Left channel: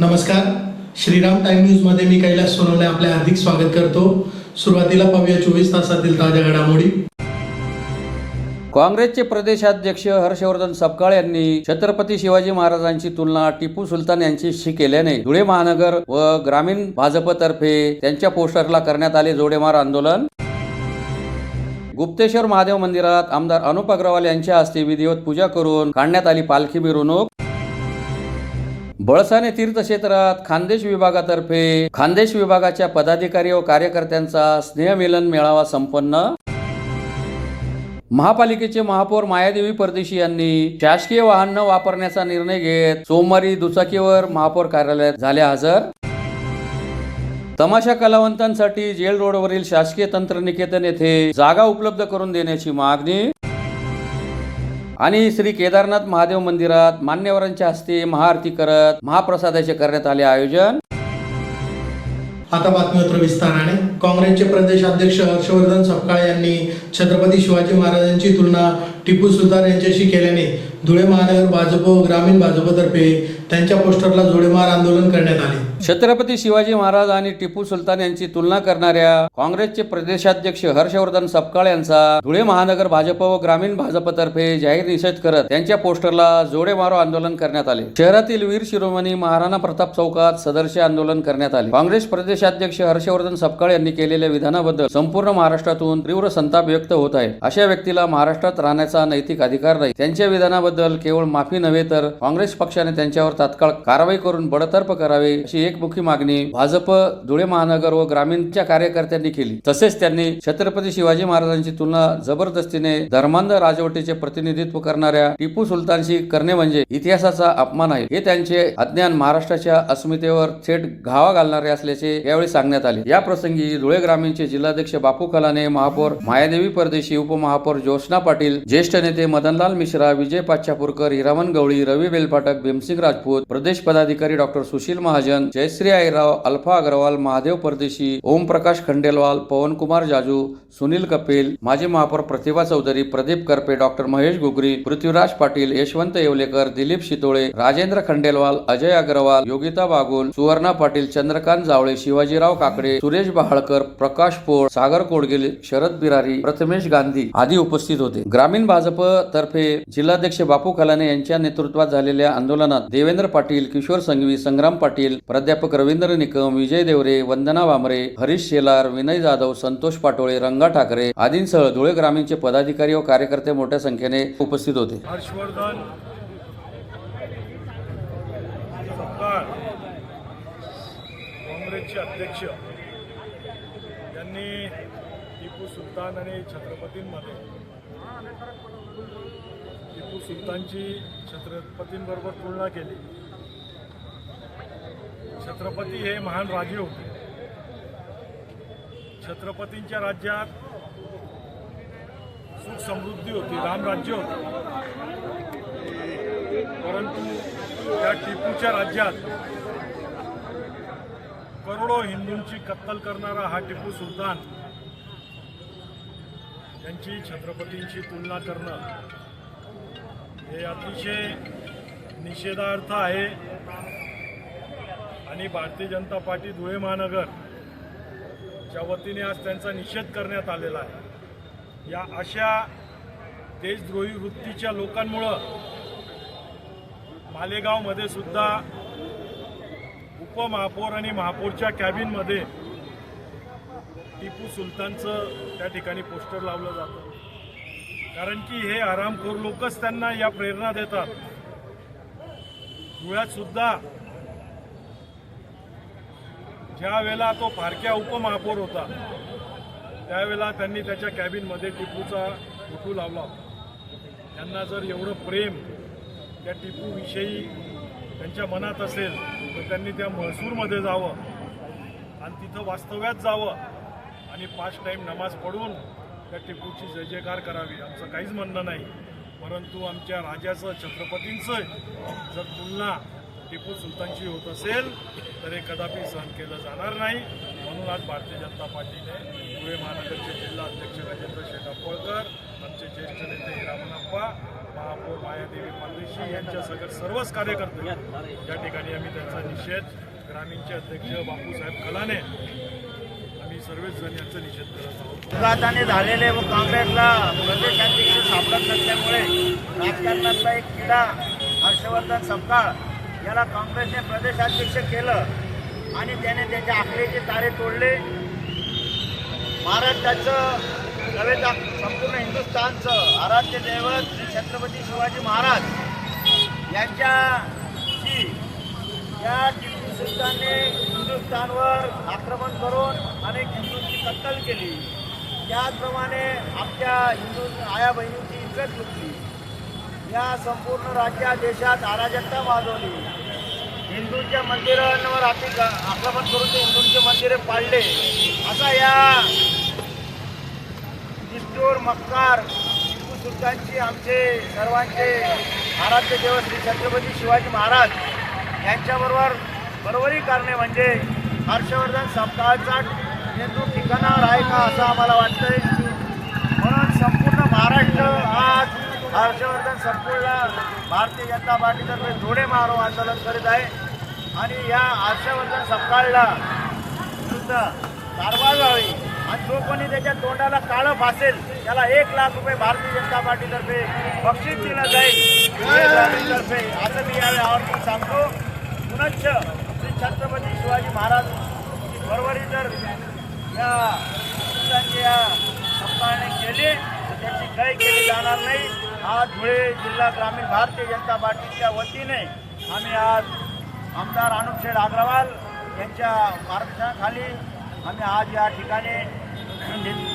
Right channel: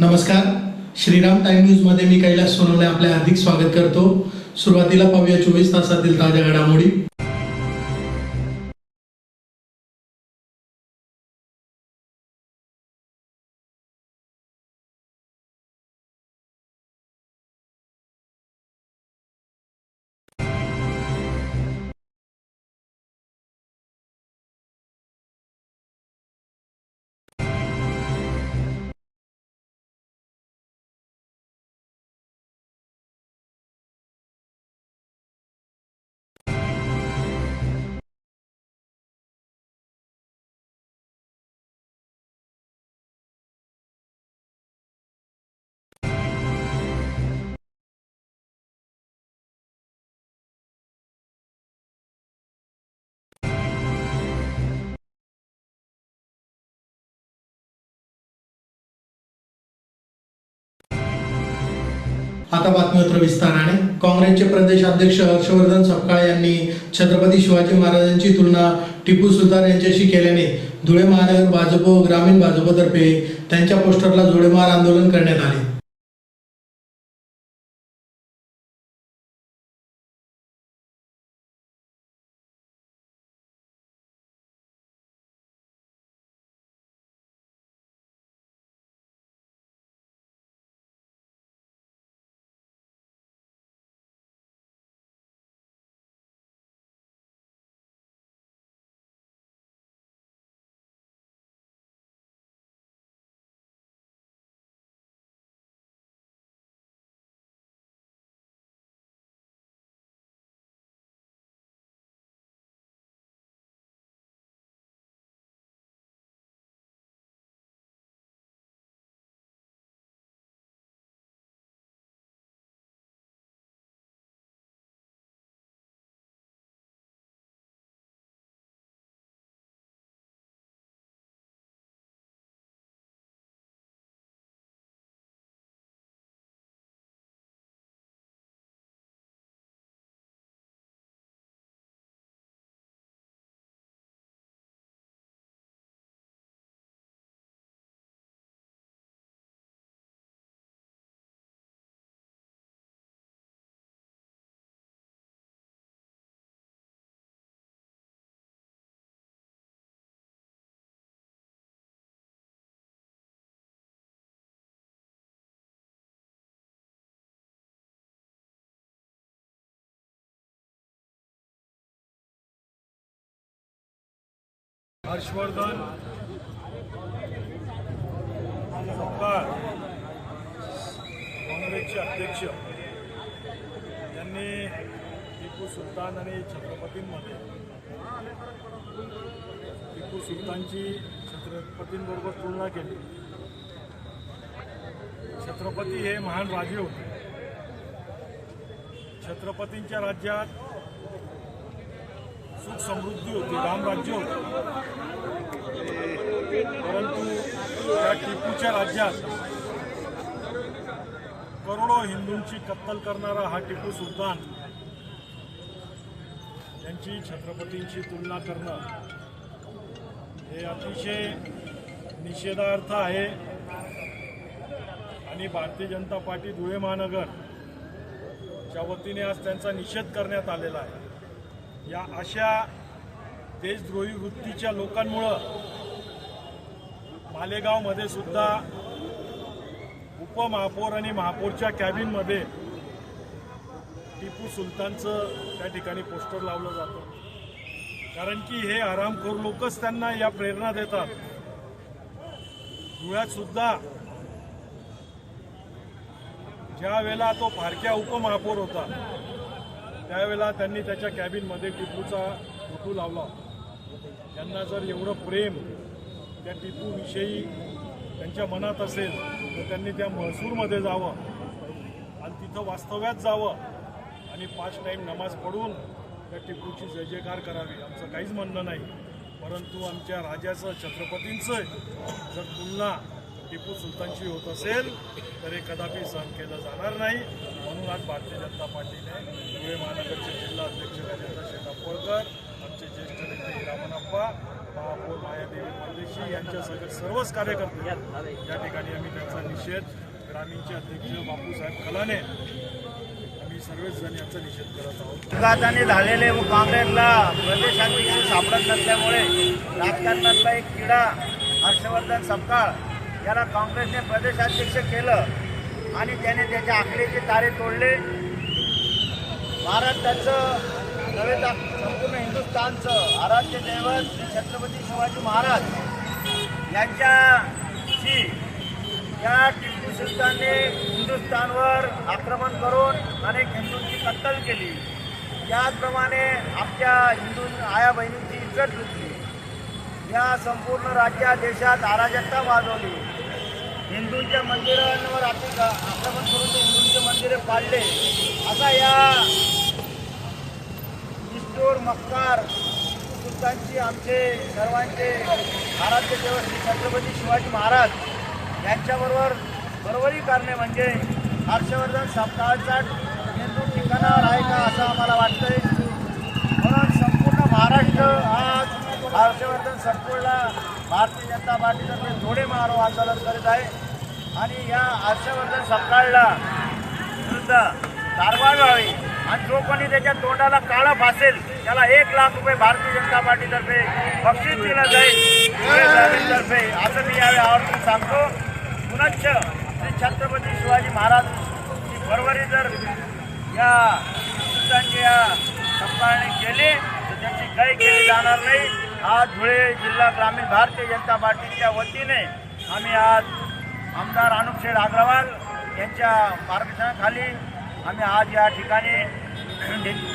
नमस्कार, Shriram time news मध्ये मी कैलास सोनवणे आपले हार्दिक स्वागत करतो। सुरुवातीला पाहूया 24 तासातील ताज्या घडामोडी। काँग्रेसचे प्रदेशाध्यक्ष हर्षवर्धन सपकाळ यांनी छत्रपती शिवाजी महाराजांची तुलना टिपू सुलतान यांच्याशी केल्याने धुळे महानगर व ग्रामीण भाजपतर्फे त्यांच्या पोस्टरला करण्यात आले जोडेमार आंदोलन। गुप्तेश्वर महादेव मंदिरात आमदार अनुप अग्रवाल यांच्या हस्ते विधिवत पूजा करून काढण्यात आली पालखी मिरवणूक। बळसाने तीर्थक्षेत्रात खानदेश विभागातर्फे खानदेश विभागाच्या पदाधिकारी व कार्यकर्त्यांचा स्नेहमिलन मेळावा संपन्न। महापालिकेचे महापौर मायादेवी परदेशी यांनी शासकीय वाहन न वापरण्याचा निर्णय घेत सोमवारी दुचाकीवर महापौर कार्यालयात झाले हजर। तमाशा कलावंतांसाठी जेल रोडवरील शासकीय तंत्रनिकेतन येथे जागा उपलब्ध करून देण्याची मागणी। आणि श्री केदारनाथ महादेव मंदिरात मान्यवरांच्या हस्ते महाआरती करत महाप्रसादाचे करण्यात आले आयोजन। आता बातमीपत्र विस्ताराने। काँग्रेसचे प्रदेशाध्यक्ष हर्षवर्धन सपकाळ यांनी छत्रपती शिवाजी महाराजांची तुलना टिपू सुलतान यांच्याशी केल्याने धुळे महानगर भाजप व ग्रामीण भाजपतर्फे त्यांच्या पोस्टरला जोडेमार आंदोलन करण्यात आले। छत्रपती शिवाजी महाराज आणि टिपू सुलतान यांची तुलना करणाऱ्या काँग्रेसचे प्रदेशाध्यक्ष हर्षवर्धन सपकाळ यांचा धुळे महानगर भाजप व ग्रामीण भाजपतर्फे जाहीर निषेध करत त्यांच्या पोस्टरला जोडेमारो आंदोलन करण्यात आले। शहरातील वीर शिरोमणी महाराणा प्रताप चौकात सदरचे आंदोलन करण्यात आले। काँग्रेस प्रदेशाध्यक्ष हर्षवर्धन सपकाळ यांनी केलेल्या विधानाबद्दल संपूर्ण महाराष्ट्रातून तीव्र संताप व्यक्त होत आहे। अशा व्यक्तीला महाराष्ट्रात राहण्याचा नैतिक अधिकार नाही। त्यांच्या विधानाबद्दल केवळ माफी नव्हे तर काँग्रेस पक्षाने त्यांच्यावर तात्काळ कारवाई करून बडतर्फ करावे अशी एकमुखी मागणी भाजप धुळे महानगर व ग्रामीणच्या कार्यकर्त्यांनी केली। तसेच त्यांनी छत्रपती शिवाजी महाराजांची तुलना जबरदस्तीने धर्मांध राजवटीचे प्रतिनिधित्व करणाऱ्या टिपू सुलतानशी करणे म्हणजे इतिहासाचा अपमान आहे। हे त्यांचे अज्ञान महाराष्ट्राच्या अस्मितेवर थेट घावा घालणारे असल्याचे यावेळी सांगण्यात आले। या प्रसंगी धुळे ग्रामीणचे जिल्हाध्यक्ष बापू कलाने, महापौर मायादेवी परदेशी, उपमहापौर ज्योत्स्ना पाटील, ज्येष्ठ नेते मदनलाल मिश्रा, विजय पाचापूरकर, हिरामन गवळी, रवी बेलपाटक, भीमसिंग राजपूत, प्रदेश पदाधिकारी डॉक्टर सुशील महाजन, जयश्री आईराव, अल्फा अग्रवाल, महादेव परदेशी, ओमप्रकाश खंडेलवाल, पवनकुमार जाजू, सुनील कपिल, माजी महापौर प्रतिभा चौधरी, प्रदीप करपे, डॉक्टर महेश गुगरी, पृथ्वीराज पाटील, यशवंत येवलेकर, दिलीप शितोळे, राजेंद्र खंडेलवाल, अजय अग्रवाल, योगिता बागुल, सुवर्णा पाटील, चंद्रकांत जावळे, शिवाजीराव काकडे, सुरेश बहाळकर, प्रकाश पोळ, सागर कोडगिल, शरद बिरारी, प्रथमेश गांधी आदी उपस्थित होते। ग्रामीण भाजप तर्फे जिल्हाध्यक्ष बापू कलाने यांच्या नेतृत्वात झालेल्या आंदोलनात देवेंद्र पाटील, किशोर संघवी, संग्राम पाटील, प्राध्यापक रवींद्र निकम, विजय देवरे, वंदना वामरे, हरीश शेलार, विनय जाधव, संतोष पाटोळे, रंगा ठाकरे आदींसह धुळे ग्रामीणचे पदाधिकारी व कार्यकर्ते मोठ्या संख्येने उपस्थित होते। हर्षवर्धन सपकाळ काँग्रेसचे अध्यक्ष यांनी टिपू सुलतान आणि छत्रपतींमध्ये टिपू सुलतानची छत्रपतींबरोबर तुलना केली। छत्रपती हे महान राजे होते। छत्रपतींच्या राज्यात सुख समृद्धी होती, रामराज्य होतं। परंतु त्या टिपूच्या राज्यात करोडो हिंदूंची कत्तल करणारा हा टिपू सुलतान यांची छत्रपतींची तुलना करणं हे अतिशय निषेधार्थ आहे आणि भारतीय जनता पार्टी धुळे महानगरच्या वतीने आज त्यांचा निषेध करण्यात आलेला आहे। या अशा देशद्रोही वृत्तीच्या लोकांमुळं मालेगावमध्ये सुद्धा उपमहापौर आणि महापौरच्या कॅबिनमध्ये टिपू सुलतानचं त्या ठिकाणी पोस्टर लावलं जातं, कारण की हे आरामखोर लोकच त्यांना या प्रेरणा देतात। धुळ्यात सुद्धा ज्या वेळेला तो फारक्या उपमहापौर होता त्यावेळेला त्यांनी त्याच्या कॅबिनमध्ये टिपूचा फोटो लावला होता। त्यांना जर एवढं प्रेम त्या टिपूविषयी त्यांच्या मनात असेल तर त्यांनी त्या महसूरमध्ये जावं आणि तिथं वास्तव्यात जावं आणि 5 टाईम नमाज पढून त्या टिपूची जय जयकार करावी। आमचं काहीच म्हणणं नाही, परंतु आमच्या राजाचं छत्रपतींचं जर तुलना टिपू सुलतानची होत असेल तर हे कदापि सहन केलं जाणार नाही। म्हणून आज भारतीय जनता पार्टीने धुळे महानगरचे जिल्हा अध्यक्ष गजेंद्र शेठ अप्पळकर, आमचे ज्येष्ठ नेते हिरामन अप्पा महापौर मायादेवी परदेशी यांच्या सर्वच कार्यकर्ते या ठिकाणी आम्ही त्यांचा निषेध, ग्रामीणचे अध्यक्ष बापूसाहेब कलाने, आम्ही सर्वच जण यांचा निषेध करत आहोत. अपघाताने झालेले व काँग्रेसला प्रदेशाध्यक्ष सापडत नसल्यामुळे राजकारणातला एक किडा हर्षवर्धन सपकाळ याला काँग्रेसने प्रदेशाध्यक्ष केलं आणि त्याने त्याच्या आखलेचे तारे तोडले. महाराष्ट्राचं नव्हे तर संपूर्ण हिंदुस्थानचं आराध्य दैवत श्री छत्रपती शिवाजी महाराज यांच्याशी या टिपू सुलतानने हिंदुस्थानवर आक्रमण करून अनेक हिंदूंची कत्तल केली. त्याचप्रमाणे आमच्या हिंदू आया बहिणींची इज्जत लुटली. या संपूर्ण राज्यात देशात अराजकता माजवली. हिंदूंच्या मंदिरांवर आक्रमण करून ते हिंदूंचे मंदिरे पाडले. असा या निष्ठुर मक्कार टिपू सुलतानची आमचे सर्वांचे आराध्य देव श्री छत्रपती शिवाजी महाराज यांच्याबरोबर बरोबरी करणे म्हणजे हर्षवर्धन सपकाळचा मेंदू ठिकाणावर आहे का असं आम्हाला वाटतंय. म्हणून संपूर्ण महाराष्ट्र आज हर्षवर्धन सपकाळला भारतीय जनता पार्टीतर्फे जोडे मारो आंदोलन करीत आहे आणि या हर्षवर्धन सपकाळला विरुद्ध कारवाई व्हावी आणि जो कोणी त्याच्या तोंडाला काळं फासेल त्याला 1 लाख रुपये भारतीय जनता पार्टीतर्फे बक्षीस दिलं जाईल धुळे ग्रामीणतर्फे असं मी यावेळी आवर्जून सांगतो. पुनश्च श्री छत्रपती शिवाजी महाराजची बरोबरी जर या या सपकाळने केली तर त्याची काही केली जाणार नाही. आज धुळे जिल्हा ग्रामीण भारतीय जनता पार्टीच्या वतीने आम्ही आज आमदार अनुप शेठ अग्रवाल यांच्या मार्गदर्शनाखाली आम्ही आज या ठिकाणी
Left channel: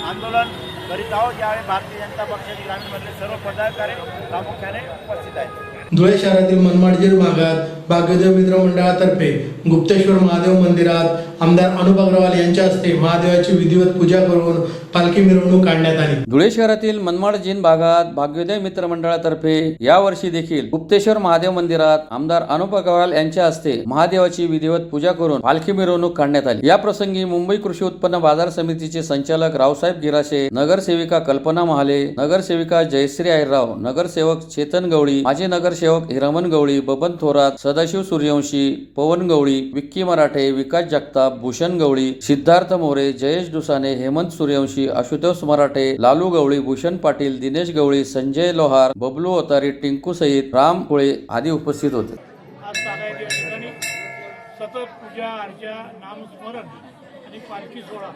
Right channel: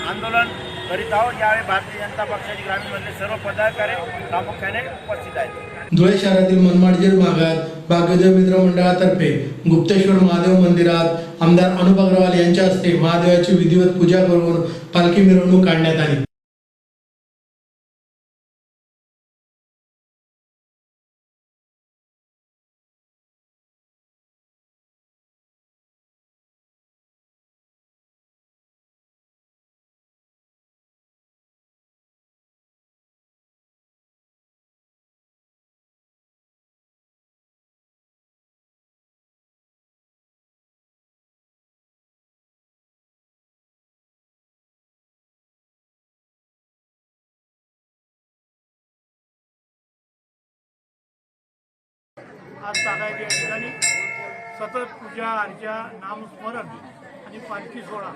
आंदोलन करीत आहोत. यावेळी भारतीय जनता पक्षाचे ग्रामीणमधले सर्व पदाधिकारी प्रामुख्याने उपस्थित आहेत. धुळे शहरातील मनमाडजीर भागात भाग्योदय मित्र मंडळातर्फे गुप्तेश्वर महादेव मंदिरात आमदार अनुप अग्रवाल यांच्या हस्ते महादेवाची विधिवत पूजा करून पालखी मिरवणूक काढण्यात आली. धुळे शहरातील मनमाड जीन भागात भाग्योदय मित्र मंडळातर्फे यावर्षी देखील गुप्तेश्वर महादेव मंदिरात आमदार अनुप अग्रवाल यांच्या हस्ते महादेवाची विधिवत पूजा करून पालखी मिरवणूक काढण्यात आली. या प्रसंगी मुंबई कृषी उत्पन्न बाजार समितीचे संचालक रावसाहेब गिराशे, नगरसेविका कल्पना महाले, नगरसेविका जयश्री अहिरराव, नगरसेवक चेतन गवळी, माजी नगरसेवक हिरमन गवळी, बबन थोरात, सदाशिव सूर्यवंशी, पवन गवळी, विक्की मराठे, विकास जगताप, भूषण गवळी, सिद्धार्थ मोरे, जयेश दुसाने, हेमंत सूर्यवंशी, आशुतोष मराठे, लालू गवळी, भूषण पाटील, दिनेश गवळी, संजय लोहार, बबलू अवतारी, टिंकू सहित राम कुळे आदी उपस्थित होते. आज तागायत या ठिकाणी सतत पूजा अर्चा नामस्मरण आणि पालखी सोहळा.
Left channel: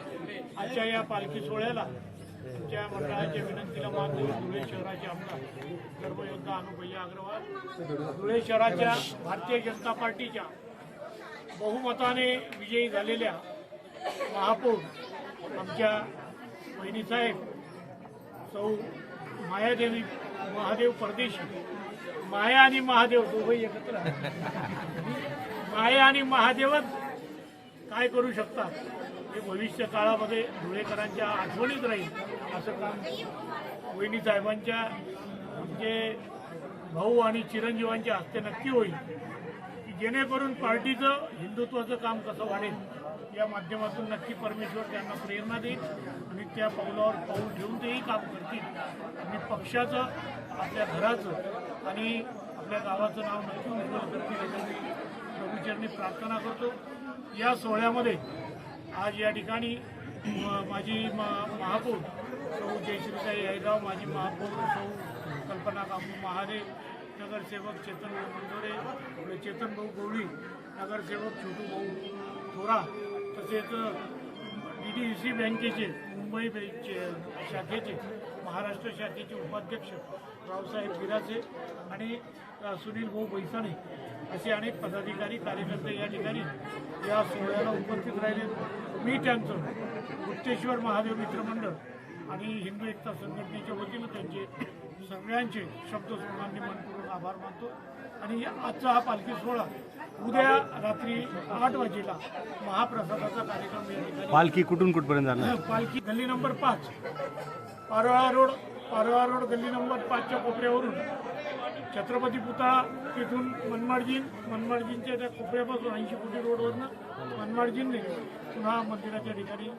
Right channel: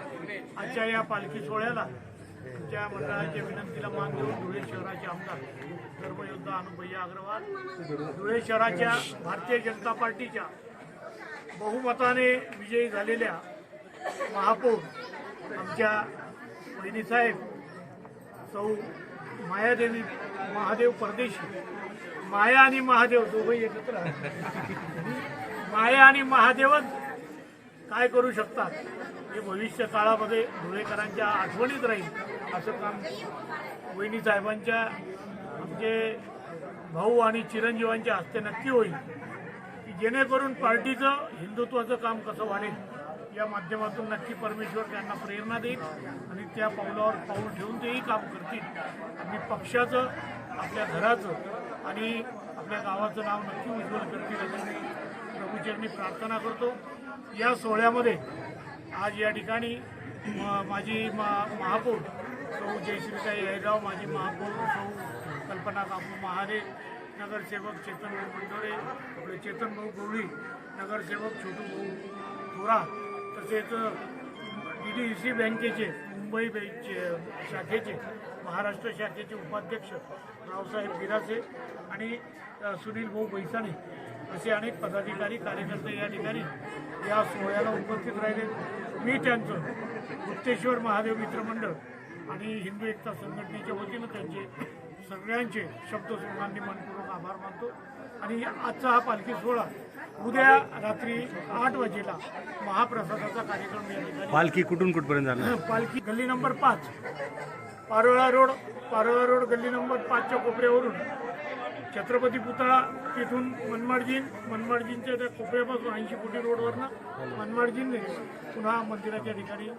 आजच्या या पालखी सोहळ्याला आमच्या मंडळाच्या विनंतीला मान देऊन धुळे शहराचे आमदार धर्मयोद्धा अनुपय्या अग्रवाल, धुळे शहराच्या भारतीय जनता पार्टीच्या बहुमताने विजयी झालेल्या महापौर आमच्या बहिणीसाहेब सौ मायादेवी महादेव परदेशी, माया आणि महादेव दोघंही एकत्र आहेत. माया आणि महादेवच काय करू शकतात हे भविष्य काळामध्ये धुळेकरांच्या आठवणीत राहील असं काम वहिनी साहेबांच्या आमचे भाऊ आणि चिरंजीवांच्या हस्ते नक्की होईल की जेणेकरून पार्टीचं हिंदुत्वाचं काम कसं वाढेल या माध्यमातून नक्की परमेश्वर त्यांना प्रेरणा देईल आणि त्या पावलावर पाऊल ठेवून तेही काम करतील. आणि पक्षाचं, आपल्या घराचं आणि आपल्या गावाचं नाव नक्की उज्ज्वल करतील अशी मी प्रभूचरणी प्रार्थना करतो. या सोहळ्यामध्ये आज या ठिकाणी माझी महापौर सौ जयश्रीताई अहिरराव, माजी महापौर सौ कल्पना काकू महाले, नगरसेवक चेतन भाऊ मंडोळे, आपले चेतन भाऊ गवळी, नगरसेवक छोटू भाऊ थोरा, तसेच DDC बँकेचे मुंबई शाखेचे महाराष्ट्र शाखेचे उपाध्यक्ष रावसाहेब गिरासे आणि सुनील भाऊ बैसाणे असे अनेक पदाधिकारी कार्यकर्ते या ठिकाणी या सोहळ्याला उपस्थित राहिले. मी त्यांचं गुप्तेश्वर महादेव मित्रमंडळ आणि हिंदू एकता संघटनेच्या वतीनं त्यांचे सगळ्यांचे शब्दस्मरणांनी मनपूर्वक आभार मानतो. आणि आजचा हा पालखी सोहळा उद्या रात्री 8 वाजेला महाप्रसादाचा कार्यक्रम या ठिकाणी. पालखी कुठून कुठपर्यंत जाणार? पालखी गल्ली नंबर 5 पारोळा रोड गल्ली नंबर 5च्या कोपऱ्यावरून छत्रपती पुतळा तिथून मनमाडजींच्या त्या कोपऱ्यापासून 80 कोटी रोडवरनं मनमाडजींनी पुन्हा मंदिराच्या ठिकाणी.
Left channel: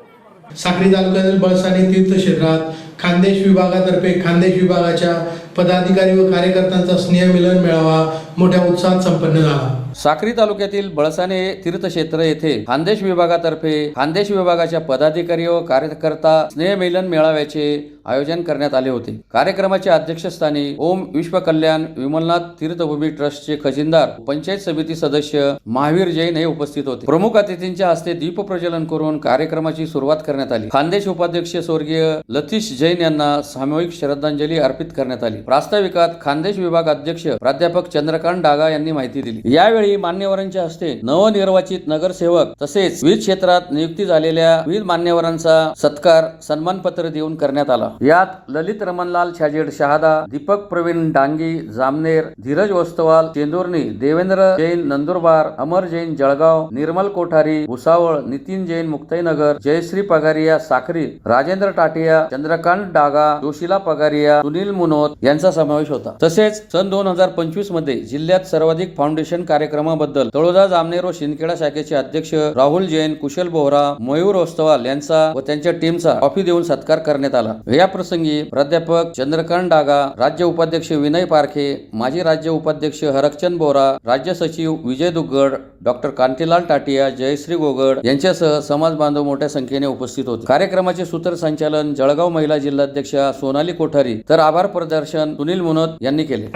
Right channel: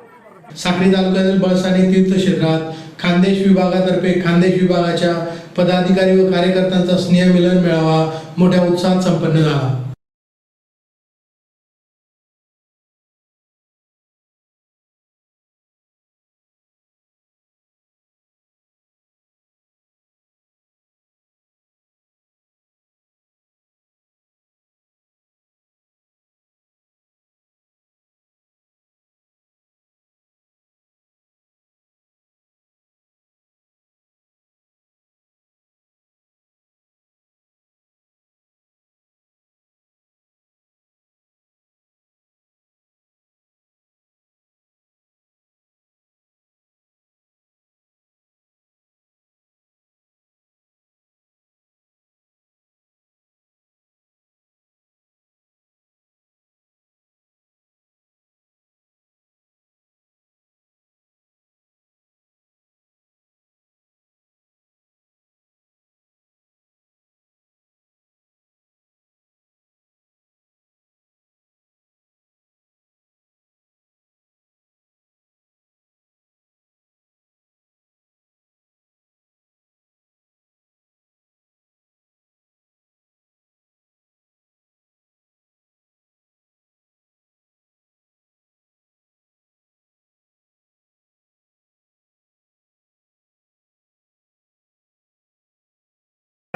साक्री तालुक्यातील बळसाने तीर्थक्षेत्रात खानदेश विभागातर्फे खानदेश विभागाच्या पदाधिकारी व कार्यकर्त्यांचा स्नेहमिलन मेळावा मोठ्या उत्साहात संपन्न झाला. साक्री तालुक्यातील बळसाने तीर्थक्षेत्र येथे खानदेश विभागातर्फे खानदेश विभागाच्या पदाधिकारी व कार्यकर्ता स्नेहमिलन मेळाव्याचे आयोजन करण्यात आले होते. कार्यक्रमाच्या अध्यक्षस्थानी ओम विश्वकल्याण विमलनाथ तीर्थभूमी ट्रस्टचे खजिनदार पंचायत समिती सदस्य महावीर जैन हे उपस्थित होते. प्रमुख अतिथींच्या हस्ते दीप प्रज्वलन करून कार्यक्रमाची सुरुवात करण्यात आली. खानदेश उपाध्यक्ष स्वर्गीय लतीश जैन यांना सामूहिक श्रद्धांजली अर्पित करण्यात आली. प्रास्ताविकात खानदेश विभाग अध्यक्ष प्राध्यापक चंद्रकांत डागा यांनी माहिती दिली. यावेळी मान्यवरांच्या हस्ते नवनिर्वाचित नगरसेवक तसेच विविध क्षेत्रात नियुक्ती झालेल्या विविध मान्यवरांचा सत्कार सन्मानपत्र देऊन करण्यात आला. यात ललित रमणलाल छाजेड शहादा, दीपक प्रवीण डांगी जामनेर, धीरज वस्तवाल चेंदुर्णी, देवेंद्र जैन नंदुरबार, अमर जैन जळगाव, निर्मल कोठारी भुसावळ, नितीन जैन मुक्ताईनगर, जयश्री पगारिया साक्री, राजेंद्र टाटिया, चंद्रकांत डागा, जोशीला पगारिया, सुनील मुनोत यांचा समावेश होता. तसेच सन 2025 मध्ये जिल्ह्यात सर्वाधिक फाउंडेशन कार्यक्रमाबद्दल तळोजा जामनेर व शिंदखेडा शाखेचे अध्यक्ष राहुल जैन, कुशल बोहरा, मयूर वस्तवाल यांचा व त्यांच्या टीमचा ट्रॉफी देऊन सत्कार करण्यात आला. या प्रसंगी प्राध्यापक चंद्रकांत डागा, राज्य उपाध्यक्ष विनय पारखे, माजी राज्य उपाध्यक्ष हरकचंद बोरा, राज्य सचिव विजय दुग्गड, डॉक्टर कांतीलाल टाटिया, जयश्री गोगड यांच्यासह समाज बांधव मोठ्या संख्येने उपस्थित होते. कार्यक्रमाचे सूत्रसंचालन जळगाव महिला जिल्हाध्यक्षा सोनाली कोठारी तर आभार प्रदर्शन सुनील मुनोत यांनी केले.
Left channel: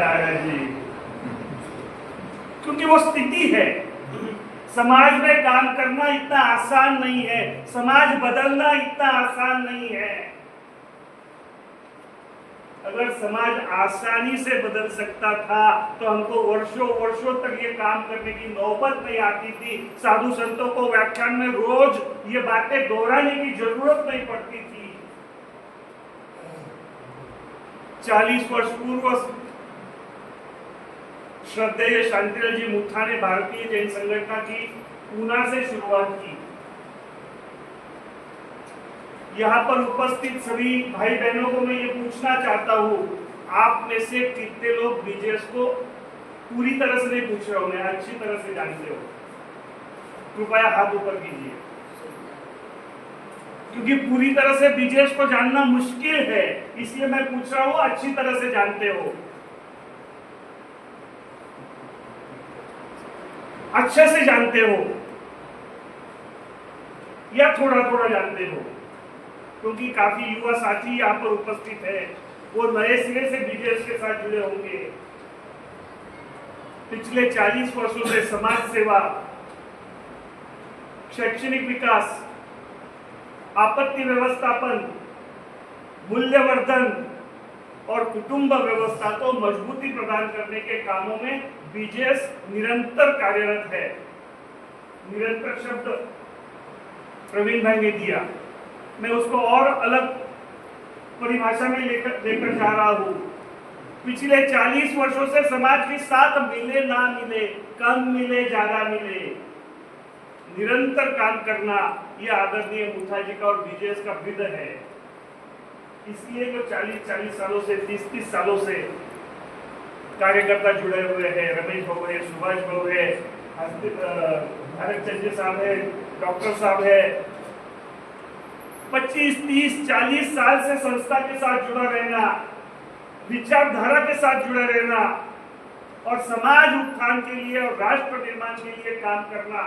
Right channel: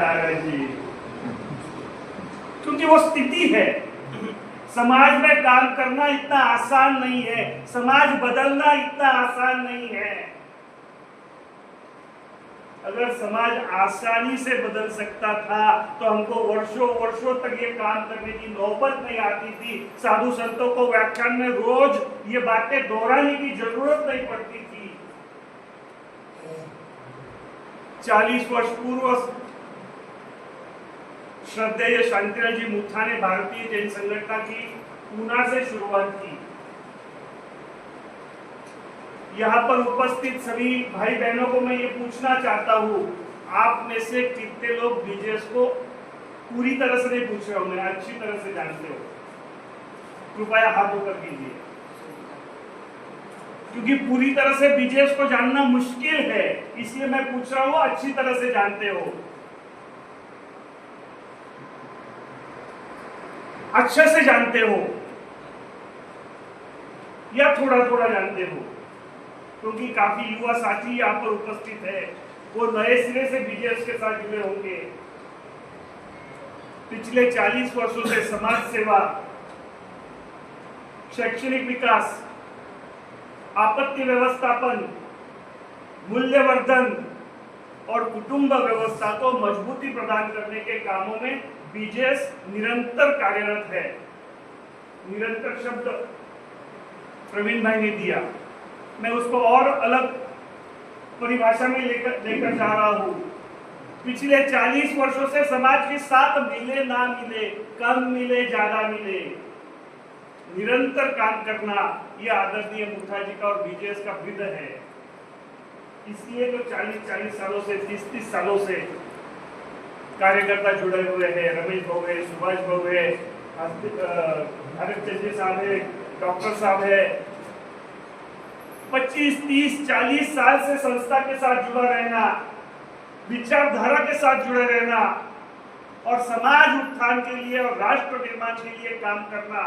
क्योंकि वो स्थिति है, समाज में काम करना इतना आसान नहीं है, समाज बदलना इतना आसान नहीं है. अगर समाज आसानी से बदल सकता था तो हमको वर्षों वर्षों तक ये काम करने की नौबत नहीं आती थी. साधु संतों को व्याख्यान में रोज ये बातें दोहराने की जरूरत नहीं पड़ती थी. 40 वर्ष पूर्व श्रद्धेय शांतिलाल जी मुथा ने भारतीय जैन संगठन की पूना से शुरुआत की. यहाँ पर उपस्थित सभी भाई बहनों को मैं ये पूछना चाहता हूँ, आप में से कितने लोग बीजेएस को पूरी तरह से नहीं पूछ रहे हो, मैं अच्छी तरह से जानते हो? कृपया हाथ ऊपर कीजिए. क्योंकि पूरी तरह से बीजेएस को जानना मुश्किल है, इसलिए मैं पूछ रहा हूँ अच्छी तरह से जानते हो, अच्छे से जानते हो या थोड़ा थोड़ा जानते हो? क्योंकि काफी युवा साथी यहाँ पर उपस्थित है, वो नए सिरे से बीजेएस के साथ जुड़े होंगे. पिछले 40 वर्षों से समाज सेवा, शैक्षणिक विकास, आपत्ति व्यवस्थापन, मूल्यवर्धन और कुटुंब व्यवस्था को मजबूती प्रदान करने के कामों में बीजेएस निरंतर कार्यरत है. निरंतर शब्द प्रवीण भाई ने दिया, मैं उसको और अलग परिभाषा में लेकर जा रहा हूं. पिछले 40 वर्षों से समाज के साथ मिले ना मिले, कम मिले ज्यादा मिले, निरंतर काम करना ये आदरणीय मुथा जी का और बीजेएस का विध है. इसलिए तो 40 सालों से 30 सालों से कार्यकर्ता जुड़े हुए हैं. रमेश भाऊ है, सुभाष भाऊ है, भारत चंद्र साहब है, डॉक्टर साहब है. 25, 30, 40 साल से संस्था के साथ जुड़ा रहना, विचारधारा के साथ जुड़े रहना और समाज उत्थान के लिए और राष्ट्र निर्माण के लिए काम करना,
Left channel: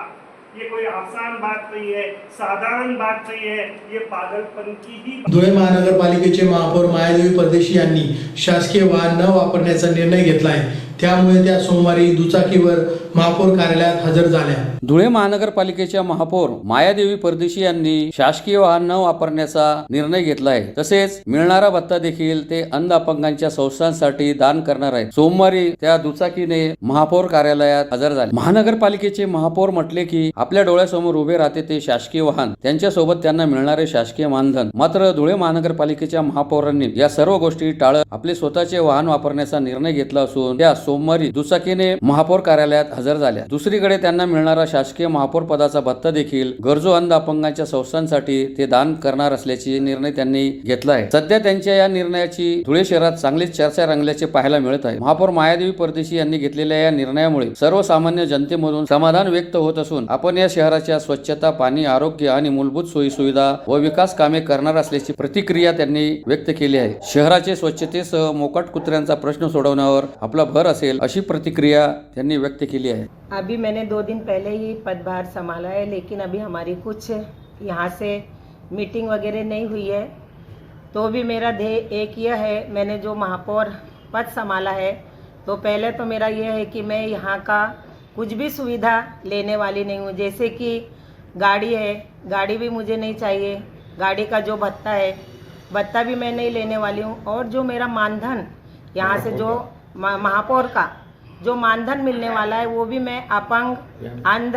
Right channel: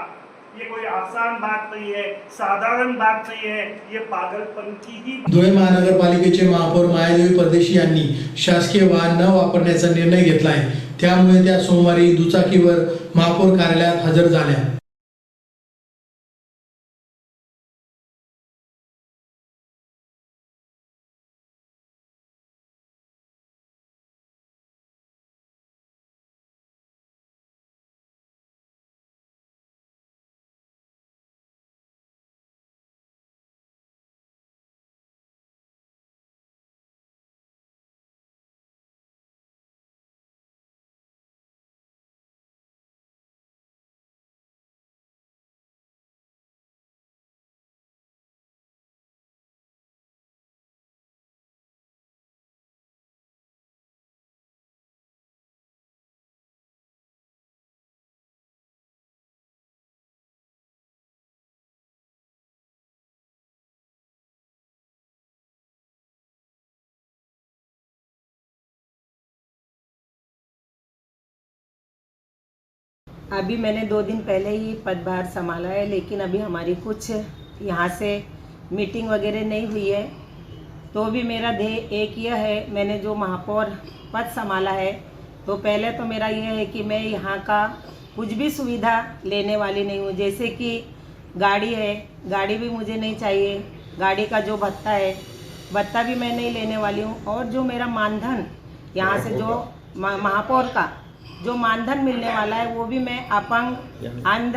ये कोई आसान बात नहीं है, साधारण बात नहीं है, ये पागलपन की ही. धुळे महानगरपालिकेचे महापौर मायादेवी परदेशी यांनी शासकीय वाहन न वापरण्याचा निर्णय घेतला आहे. त्यामुळे त्या सोमवारी दुचाकीवर महापौर कार्यालयात हजर झाल्या. धुळे महानगरपालिकेच्या महापौर मायादेवी परदेशी यांनी शासकीय वाहन न वापरण्याचा निर्णय घेतला आहे. तसेच मिळणारा भत्ता देखील ते अंध अपंगांच्या संस्थांसाठी दान करणार आहेत. सोमवारी त्या दुचाकीने महापौर कार्यालयात हजर झाले. महानगरपालिकेचे महापौर म्हटले की आपल्या डोळ्यासमोर उभे राहते ते शासकीय वाहन, त्यांच्यासोबत त्यांना मिळणारे शासकीय मानधन. मात्र धुळे महानगरपालिकेच्या महापौरांनी या सर्व गोष्टी टाळत आपले स्वतःचे वाहन वापरण्याचा निर्णय घेतला असून त्या सोमवारी दुचाकीने महापौर कार्यालयात हजर हजर झाल्या. दुसरीकडे त्यांना मिळणारा शासकीय महापौर पदाचा भत्ता देखील गरजू अंध अपंगांच्या संस्थांसाठी ते दान करणार असल्याचे निर्णय त्यांनी घेतला आहे. सध्या त्यांच्या या निर्णयाची धुळे शहरात चांगलीच चर्चा रंगल्याचे पाहायला मिळत आहे. महापौर मायादेवी परदेशी यांनी घेतलेल्या या निर्णयामुळे सर्वसामान्य जनतेमधून समाधान व्यक्त होत असून आपण या शहराच्या स्वच्छता, पाणी, आरोग्य आणि मूलभूत सोयी सुविधा व विकास कामे करणार असल्याची प्रतिक्रिया त्यांनी व्यक्त केली आहे. शहराचे स्वच्छतेसह मोकाट कुत्र्यांचा प्रश्न सोडवण्यावर आपला भर असेल अशी प्रतिक्रिया त्यांनी व्यक्त केली आहे. अभी मैंने 2 दिन पहले ही पदभार संभाला है, लेकिन अभी हमारी कुछ यहाँ से मीटिंग वगैरह नहीं हुई है. तो भी मेरा ध्येय एक ये है, मैंने जो महापौर पद संभाला है तो पहले तो मेरा ये है कि मैं यहाँ का कुछ भी सुविधा लेने वाली नहीं हूँ. जैसे कि गाड़ी है, गाड़ी भी मुझे नहीं चाहिए. गाड़ी का जो भत्ता है, भत्ता भी मैं नहीं लेने वाली हूँ. और जो मेरा मानधन यहाँ से जो महापौर का जो मानधन मिलने वाला है वो भी मैं अपंग, अंध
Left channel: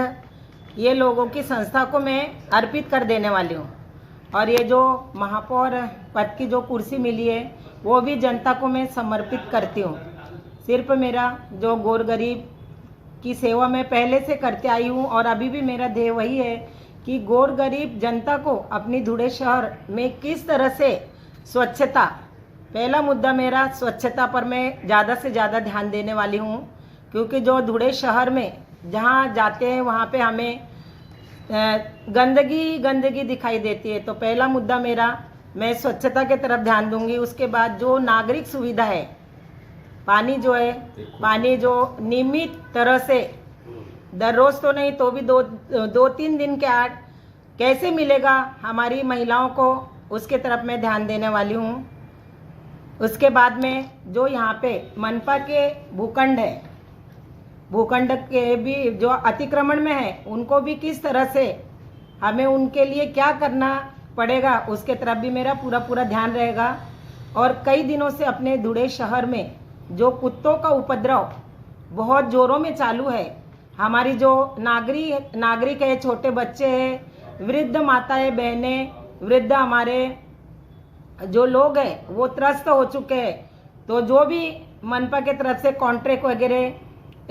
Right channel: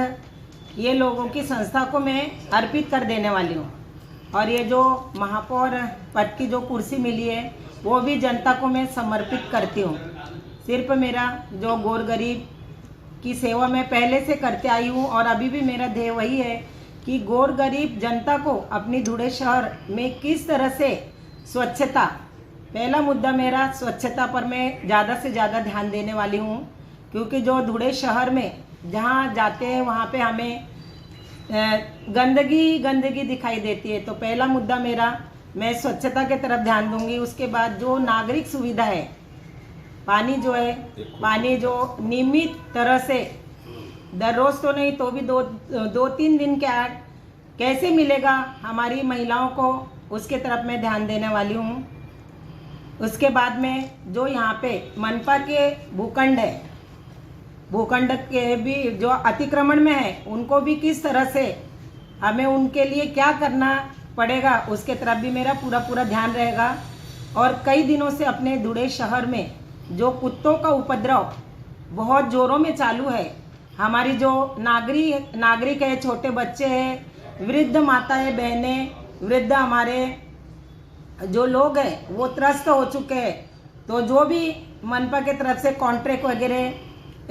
ये लोगों की संस्था को मैं अर्पित कर देने वाली हूँ. और ये जो महापौर पद की जो कुर्सी मिली है वो भी जनता को मैं समर्पित करती हूँ. सिर्फ मेरा जो गोर गरीब की सेवा मैं पहले से करते आई हूँ और अभी भी मेरा ध्येय वही है कि गोर गरीब जनता को अपनी धुळे शहर में किस तरह से स्वच्छता, पहला मुद्दा मेरा स्वच्छता पर मैं ज़्यादा से ज़्यादा ध्यान देने वाली हूँ. क्योंकि जो धुळे शहर में जहाँ जाते हैं वहाँ पे हमें गंदगी दिखाई देती है. तो पहला मुद्दा मेरा, मैं स्वच्छता के तरफ ध्यान दूंगी. उसके बाद जो नागरिक सुविधा है, पानी जो है, पानी जो नियमित तरह से दररोज तो नहीं तो भी 2-3 दिन के आड़ कैसे मिलेगा हमारी महिलाओं को, उसके तरफ मैं ध्यान देने वाली हूँ. उसके बाद में जो यहाँ पे मनपा के भूखंड है, भूखंड के भी जो अतिक्रमण में है उनको भी किस तरह से हमें उनके लिए क्या करना पड़ेगा उसके तरफ भी मेरा पूरा ध्यान रहेगा. और कई दिनों से अपने धुळे शहर में जो कुत्तों का उपद्रव बहुत ज़ोरों में चालू है, हमारी जो नागरिक है, छोटे बच्चे हैं, वृद्ध माताएं, बहनें, वृद्ध हमारे जो लोग हैं वो त्रस्त हो चुके हैं. तो जो भी मनपा के तरफ से कॉन्ट्रैक्ट वगैरह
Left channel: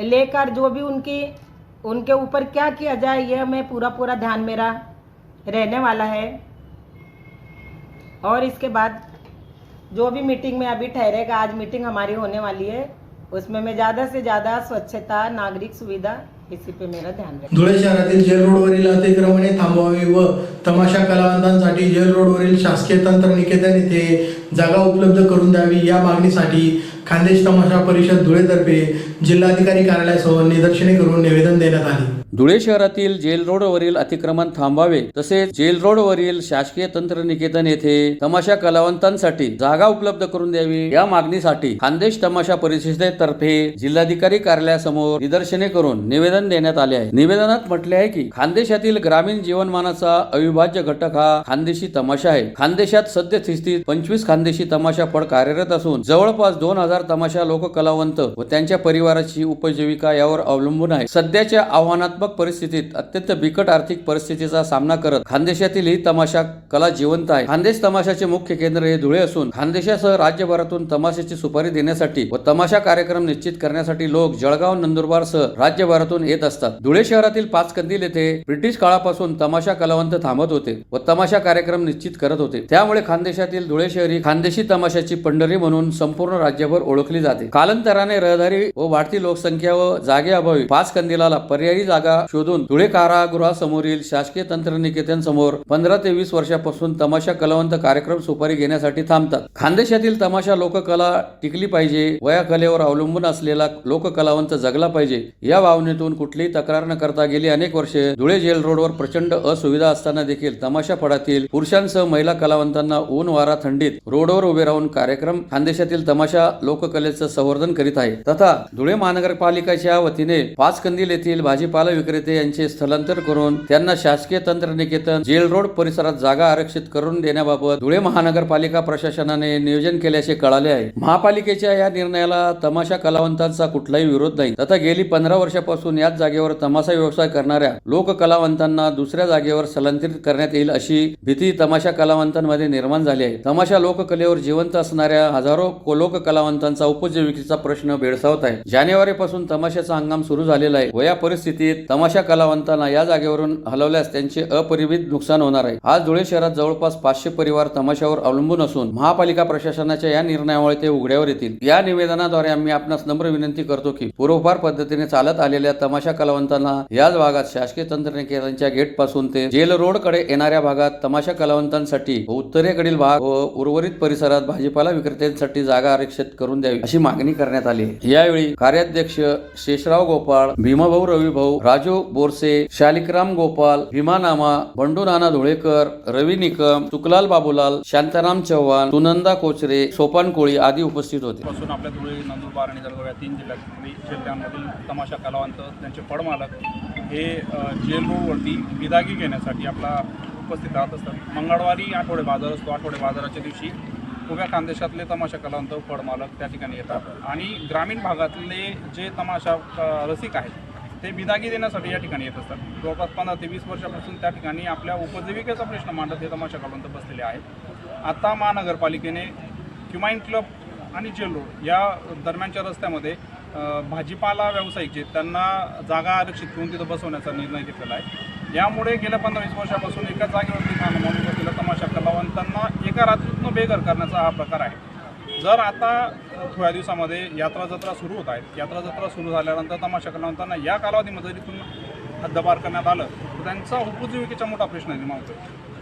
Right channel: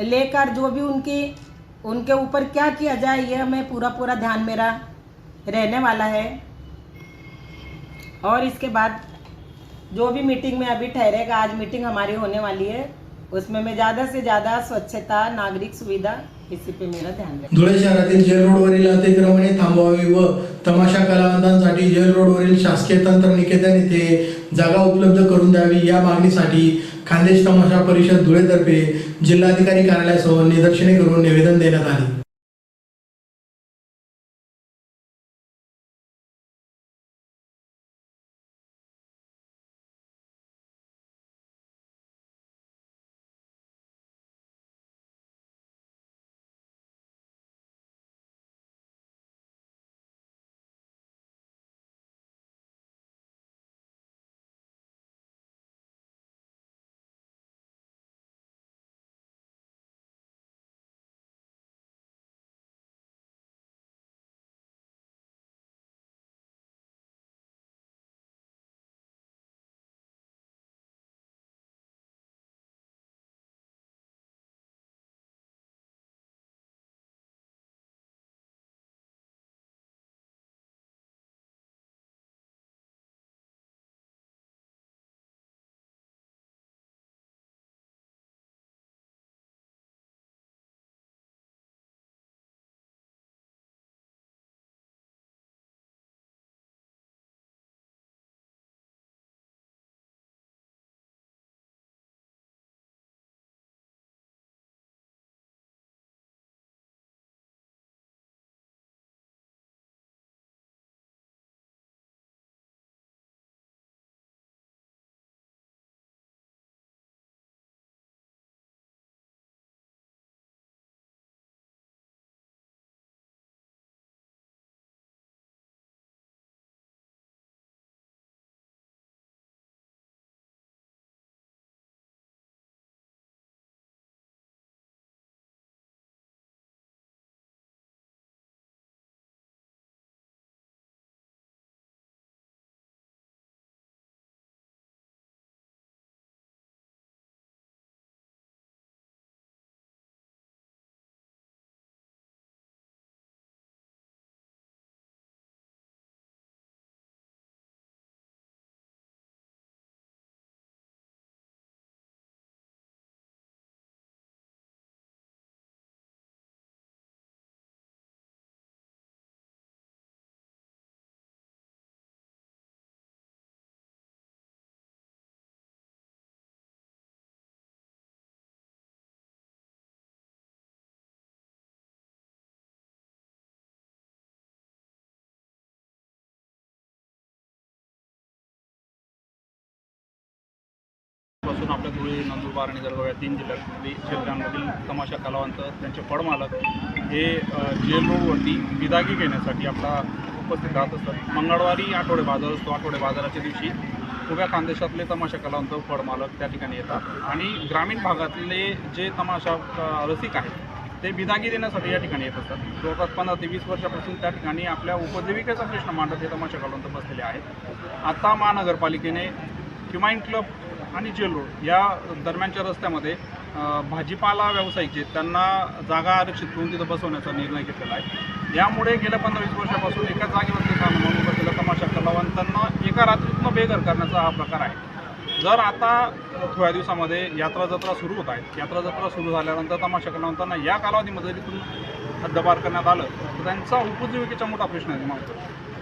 लेकर जो भी उनके ऊपर क्या किया जाए, यह मैं पूरा ध्यान मेरा रहने वाला है. और इसके बाद जो भी मीटिंग में अभी ठहरेगा, आज मीटिंग हमारी होने वाली है, उसमें मैं ज़्यादा से ज़्यादा स्वच्छता, नागरिक सुविधा, इसी पे मेरा ध्यान रखें. धुळे शहरातील जेल रोडवरील अतिक्रमणे थांबवावी व तमाशा कलावंतांसाठी जेल रोडवरील शासकीय तंत्रनिकेतन येथे जागा उपलब्ध करून द्यावी या मागणीसाठी खानदेश तमाशा परिषद धुळेतर्फे जिल्हाधिकारी कार्यालयासमोर निदर्शने करून निवेदन देण्यात आले. धुळे शहरातील जेल रोडवरील अतिक्रमण थांबावे तसेच जेल रोडवरील शासकीय तंत्रनिकेतन येथे तमाशा कलावंतांसाठी जागा उपलब्ध करून द्यावी या मागणीसाठी खानदेश तमाशा परिषदेतर्फे जिल्हाधिकारी कार्यालयासमोर निदर्शने करून निवेदन देण्यात आले आहे. निवेदनात म्हटले आहे की खानदेशातील ग्रामीण जीवनमानाचा अविभाज्य घटक हा खानदेशी तमाशा आहे. खानदेशात सद्यस्थितीत 25 खानदेशी तमाशा फड कार्यरत असून जवळपास 2000 तमाशा लोककलावंत व त्यांच्या परिवाराची उपजीविका यावर अवलंबून आहे. सध्याच्या आव्हानात्मक परिस्थितीत अत्यंत बिकट आर्थिक परिस्थितीचा सामना करत खानदेशातील ही तमाशा कला जिवंत आहे. खानदेश तमाशाचे मुख्य केंद्र हे धुळे असून खानदेशासह राज्यभरातून तमाशाची सुपारी देण्यासाठी व तमाशा कार्यक्रम निश्चित करण्यासाठी लोक जळगाव, नंदुरबार सह राज्यभरातून येत असतात. धुळे शहरातील 5 कंदील येथे ब्रिटिश काळापासून तमाशा कलावंत थांबत होते व तमाशा कार्यक्रम निश्चित करत होते. त्यामुळे खानदेशातील धुळे शहर ही खानदेशी तमाशाची पंढरी म्हणून संपूर्ण राज्यभर ओळखली जाते. कालांतराने रहदारी व वाढती लोकसंख्या व जागेअभावी 5 कंदिलाला पर्यायी जागा शोधून धुळे कारागृहासमोरील शासकीय तंत्रनिकेतन समोर 15 ते 20 वर्षापासून तमाशा कलावंत कार्यक्रम सुपारी घेण्यासाठी थांबतात. खानदेशातील तमाशा लोककला टिकली पाहिजे, वया कलेवर अवलंबून असलेला लोककलावंत जगला पाहिजे या भावनेतून कुठलीही तक्रार न करता गेली अनेक वर्षे धुळे जेल रोडवर प्रचंड असुविधा असताना देखील तमाशा फडातील पुरुषांसह महिला कलावंतांना ऊन वारा थंडीत रोडवर उभे राहून कार्यक्रम खानदेशातील तमाशा लोककलेचं संवर्धन करीत आहे. तथा धुळे महानगरपालिकेच्या वतीने 5 कंदील येथील भाजीपाला विक्रेते यांचे स्थलांतर करून त्यांना शासकीय तंत्रनिकेतन जेल रोड परिसरात जागा आरक्षित करून देण्याबाबत धुळे महानगरपालिका प्रशासनाने नियोजन केल्याचे कळाले आहे. महापालिकेच्या या निर्णयाला तमाशा कलावंतांचा कुठलाही विरोध नाही. तथा गेली 15 वर्षापासून याच जागेवर तमाशा व्यवसाय करणाऱ्या लोक कलावंतांना दुसऱ्या जागेवर स्थलांतरित करण्यात येईल अशी भीती तमाशा कलावंतांमध्ये निर्माण झाली आहे. तमाशा लोककलेवर जिवंत असणाऱ्या हजारो लोक कलावंतांचा उपजीविकेचा प्रश्न भेडसावत आहे. जानेवारी पासून तमाशाचा हंगाम सुरू झालेला आहे व या परिस्थितीत तमाशा कलावंतांना या जागेवरून हलवल्यास त्यांचे अपरिमित नुकसान होणार आहे. आज धुळे शहरात जवळपास 500 परिवार तमाशावर अवलंबून असून महापालिका प्रशासनाच्या या निर्णयामुळे ते उघड्यावर येतील. या निवेदनाद्वारे आम्ही आपणास नम्र विनंती करतो की पूर्वपार पद्धतीने चालत आलेल्या तमाशा कलावंतांना याच भागात शासकीय तंत्रनिकेतनच्या गेट पासून ते जेल रोड कडे येणाऱ्या भागात तमाशा कलावंतांसाठी व उत्तरेकडील भाग व उर्वरित परिसरात भाजीपाला विक्रेत्यांसाठी जागा आरक्षित करून द्यावी अशी मागणी करण्यात आली. यावेळी कार्याध्यक्ष शेषराव गोपाळ, भीमाभाऊ रविभाऊ, राजू बोरसे, शालिकराम गोपाल, भीमा नामा, बंडू नाना धुळेकर, रवी निकम, सुकलाल बाबूलाल, शांताराम चव्हाण, सुनंदा कोचरे, सोपान कोळी आदी उपस्थित होते. पासून आपल्या धुळे, नंदुरबार आणि जळगाव या 3 जिल्ह्यांमधील तमाशा कलावंत, त्यांचे फळमालक हे जेल रोडवरती बिदागी घेण्यासाठी आपला उपस्थित राहत असतात. मंगळवारी आठवडे बाजार असतो. आठवडे बाजाराच्या दिवशी उभ्या खानदेशातले तमाशा कलावंत, फळमालक त्या ठिकाणी येतात आणि ग्रामीण भागातले जे तमाशा रसिक आहेत ते बिदागी देण्यासाठी या ठिकाणी येत असतात. जवळपास 15 ते 20 वर्षापासून त्या ठिकाणी आपल्या उपजीविकेचा प्रश्न मांडत हे तमाशा कलावंत बसलेले आहेत. आता महानगरपालिकेने ह्युमायून क्लब आणि जेल रोड या दरम्यानच्या रस्त्यामध्ये भाजीपाला व्यावसायिक जे त्यांना जागा आरक्षित करून तिथं बसवण्याचा निर्णय घेतलेला आहे. यामुळे गेल्या 15-20 वर्षापासून एका जागेवरती म्हणून बसलेल्या तमाशा कलावंतांना एका रात्रीतनं बेघर करण्याचा हा प्रकार आहे. जर आता थोड्या दिवसामध्ये यात्रा जत्रा सुरू होत आहेत, यात्रा जत्रा सुरू झाल्यानंतर तमाशा कलावंतांना या कालावधीमध्ये तिथून हद्दपार करण्यात आलं तर त्यांचा उपजीविकेचा मोठा प्रश्न निर्माण होतो.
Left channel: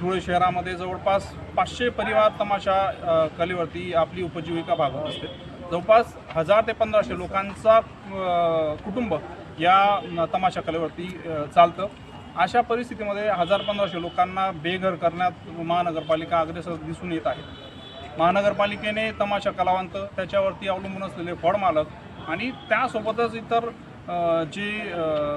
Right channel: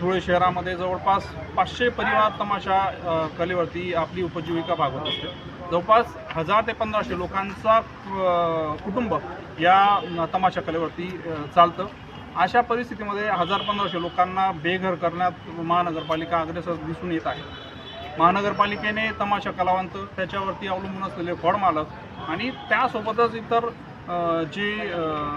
धुळे शहरामध्ये जवळपास 500 परिवार तमाशा कलेवरती आपली उपजीविका भागवत असते. जवळपास 1000 ते 1500 लोकांचा कुटुंब या तमाशा कलेवरती चालतं. अशा परिस्थितीमध्ये 1000-1500 लोकांना बेघर करण्यात महानगरपालिका अग्रेसर दिसून येत आहे. महानगरपालिकेने तमाशा कलावंत, त्याच्यावरती अवलंबून असलेले फळमालक आणि त्यासोबतच इतर जे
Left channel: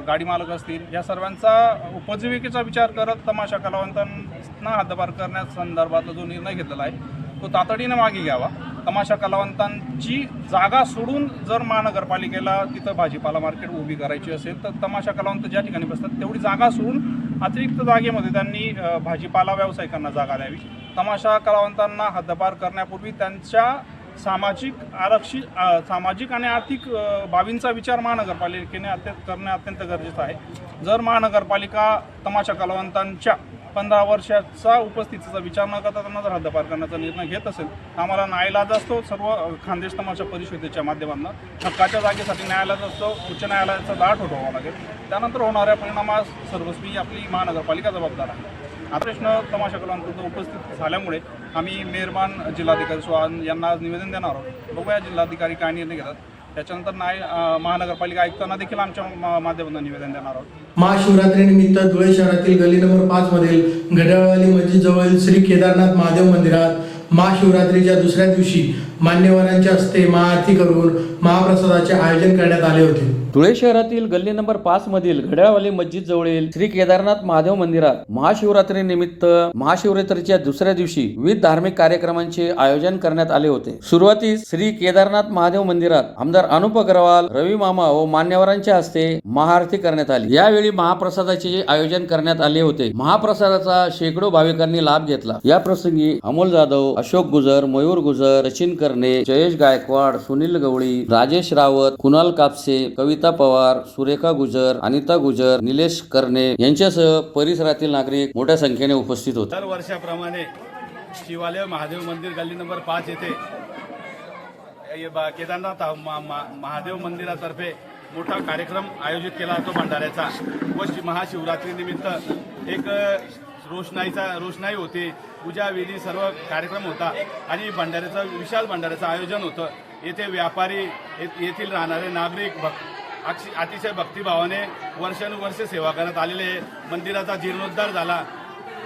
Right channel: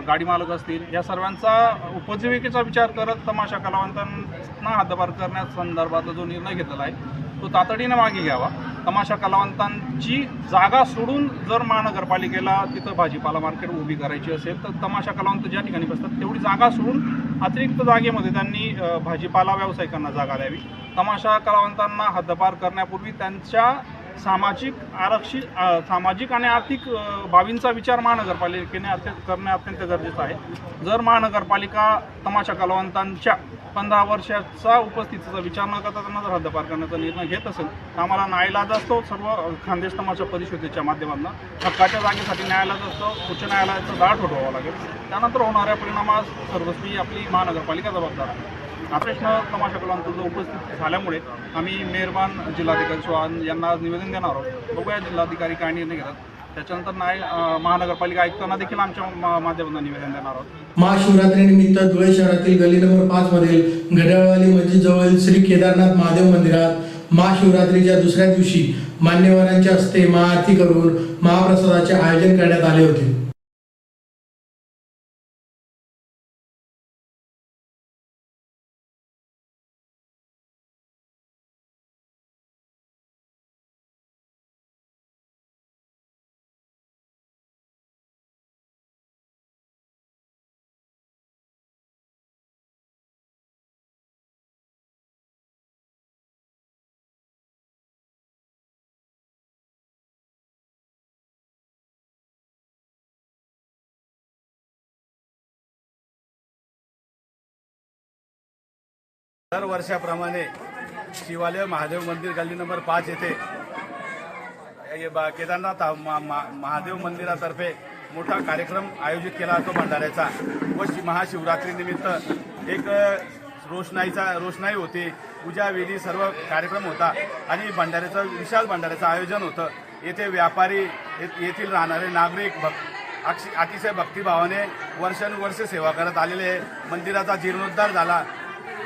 गाडी मालक असतील या सर्वांचा उपजीविकेचा विचार करत तमाशा कलावंतांना हद्दपार करण्यासंदर्भातला जो निर्णय घेतलेला आहे तो तातडीने मागे घ्यावा. तमाशा कलावंतांची जागा सोडून जर महानगरपालिकेला तिथं भाजीपाला मार्केट उभी करायची असेल तर तमाशा कलावंत ज्या ठिकाणी बसतात तेवढी जागा सोडून अतिरिक्त जागेमध्ये त्यांनी भाजीपाला व्यावसायिकांना जागा द्यावी. तमाशा कलावंतांना हद्दपार करण्यापूर्वी त्यांच्या सामाजिक आणि आर्थिक बाबींचा विचार महानगरपालिकेने करणे अत्यंत गरजेचं आहे. जर महानगरपालिका तमाशा कलावंतांच्या 15 वर्षाचा उपस्थितीचा विचार न करता त्यांना जर हद्दपार करण्याचा निर्णय घेत असेल तर आम्हाला न्यायालयात असतो सर्व खानदेश तमाशा परिषदेच्या माध्यमातून हक्काच्या जागेसाठी न्यायालयात असतो उच्च न्यायालयाचा दार ठोठावा लागेल. त्यानंतर होणाऱ्या परिणामास सर्वस्वी आपली महानगरपालिका जबाबदार आहे. हा प्रश्न तमाशा कलावंतांचा उपस्थित झाल्यामुळे आम्ही मेहरबान जिल्हाधिकारी चव्हाण यांना निवेदन देणार आहोत. बघूया जिल्हाधिकारी काय निर्णय घेतात. त्याच्यानंतर महानगरपालिका आयुक्तांना देखील आमच्या माध्यमातून निवेदन देणार आहोत. महाशिवरात्रीनिमित्त धुळे शहरातील गल्ली नंबर 5 मधील घड्याळवाली मस्जिद जवळील श्री केदारनाथ महादेव मंदिरात महाशिवरात्रीच्या दुसऱ्या दिवशी मान्यवरांच्या हस्ते महाआरती करून महाप्रसादाचे आयोजन करण्यात आले होते. धुळे शहरातील गल्ली नंबर 5 मधील घड्याळवाली मस्जिद जवळील श्री केदारनाथ महादेव मंदिरात महाशिवरात्री निमित्त महाशिवरात्रीच्या दुसऱ्या दिवशी विविध धार्मिक कार्यक्रमांचे आयोजन करण्यात आले होते. सुरुवातीस श्री केदारनाथ महादेव मंदिरात आमदार अनुप अग्रवाल, रवी मामा व मान्यवरांच्या हस्ते महाआरती करण्यात आली. यावेळी महाप्रसादाचे आयोजन करण्यात आले होते. महाप्रसादाचा शेकडो भाविकांनी लाभ घेतला. या प्रसंगी अमोल जाधव, अशोक गुजर, मयूर गुजर, सचिन करणे, जयेश गायकवाड, सुनील गवळी, राजेश रावत, कुणाल कापसे, कविता पवार, सुरेखा गुजर, अनिता गुजर, निलेश करणे यांच्यासह परिसरातील नागरिक मोठ्या संख्येने उपस्थित होते. दर वर्षाप्रमाणे शिवालय महादेव मंदिर गल्ली नंबर 5 येथे केदारनाथ महादेव मंदिरातर्फे मोठा कार्यक्रम आयोजित केला जातो भंडाऱ्याचा व महाशिवरात्री निमित्त एक रोषणाई होते, पूजा विधी सर्व कार्यक्रम होता आणि विशाल भंडाऱ्याचं आयोजन होतं. येथे व्यापारी, येथील राहणारे नागरिक अतिशय भक्तिभावाने वर्षानुवर्ष सेवा करत आलेले. मंदिराचा जीर्णोद्धार झाला.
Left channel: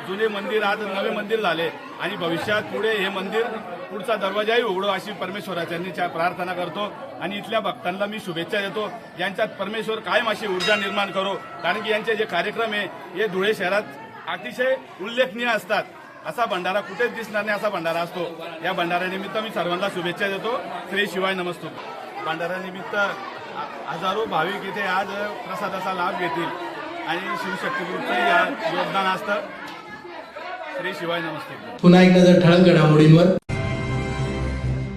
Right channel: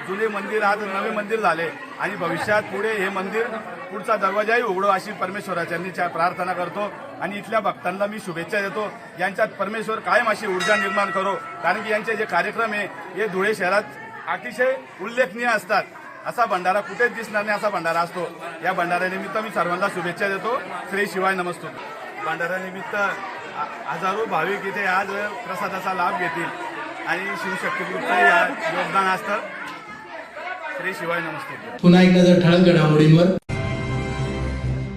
जुने मंदिर आज नवे मंदिर झाले आणि भविष्यात पुढे हे मंदिर पुढचा दरवाजाही उघडो अशी परमेश्वराच्यांनी प्रार्थना करतो. आणि इथल्या भक्तांना मी शुभेच्छा देतो. यांच्यात परमेश्वर कायम अशी ऊर्जा निर्माण करो, कारण की यांचे जे कार्यक्रम आहे हे धुळे शहरात अतिशय उल्लेखनीय असतात. असा भंडारा कुठेच दिसणार नाही, असा भंडारा असतो. या भंडाऱ्यानिमित्त मी सर्वांना शुभेच्छा देतो. श्री शिवाय नमस्तु. भंडाऱ्यानिमित्त हजारो भाविक इथे आज प्रसादाचा लाभ घेतील आणि शिवशक्ती ग्रुपचं योगदान असतं. श्री शिवाय नमस्तु. पुन्हा एक नजर ठळक घडामोडींवर.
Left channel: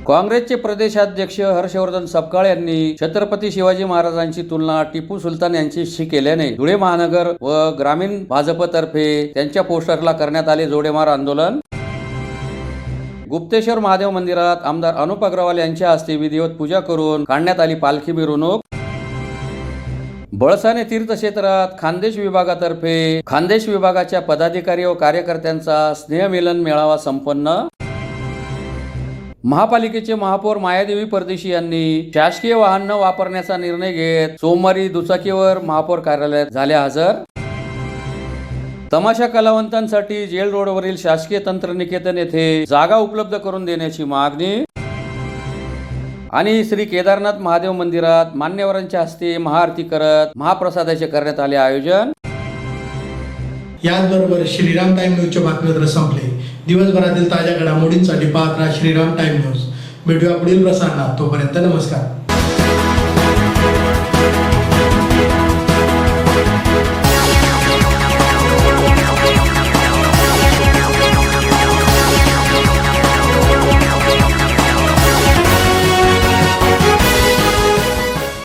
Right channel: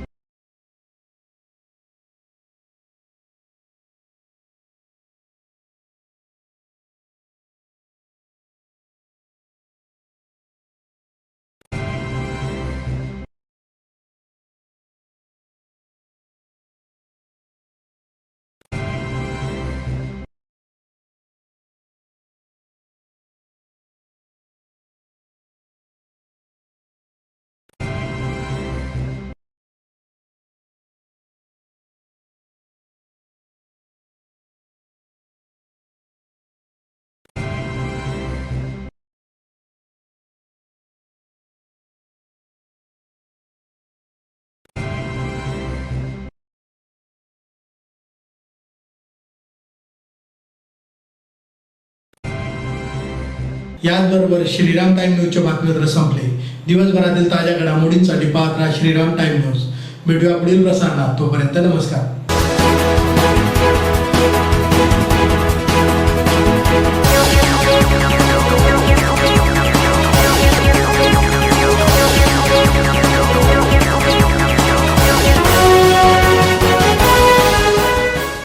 काँग्रेसचे प्रदेशाध्यक्ष हर्षवर्धन सपकाळ यांनी छत्रपती शिवाजी महाराजांची तुलना टिपू सुलतान यांच्याशी केल्याने धुळे महानगर व ग्रामीण भाजपतर्फे त्यांच्या पोस्टरला करण्यात आले जोडेमार आंदोलन. गुप्तेश्वर महादेव मंदिरात आमदार अनुप अग्रवाल यांच्या हस्ते विधिवत पूजा करून काढण्यात आली पालखी मिरवणूक. बळसाने तीर्थक्षेत्रात खानदेश विभागातर्फे खानदेश विभागाच्या पदाधिकारी व कार्यकर्त्यांचा स्नेहमिलन मेळावा संपन्न. महापालिकेचे महापौर मायादेवी परदेशी यांनी शासकीय वाहन न वापरण्याचा निर्णय घेत सोमवारी दुचाकीवर महापौर कार्यालयात झाले हजर. तमाशा कलावंतांसाठी जेल रोडवरील शासकीय तंत्रनिकेतन येथे जागा उपलब्ध करून देण्याची मागणी. आणि श्री केदारनाथ महादेव मंदिरात मान्यवरांच्या हस्ते महाआरती करत महाप्रसादाचे करण्यात आले आयोजन. याचबरोबर श्रीराम टाइम न्यूजचे बातमीपत्र संपले. दिवसभरातील ताज्या घडामोडींसाठी पाहत राहा श्रीराम टाइम न्यूज. भेटूया पुढील प्रसारणात. तोपर्यंत नमस्कार.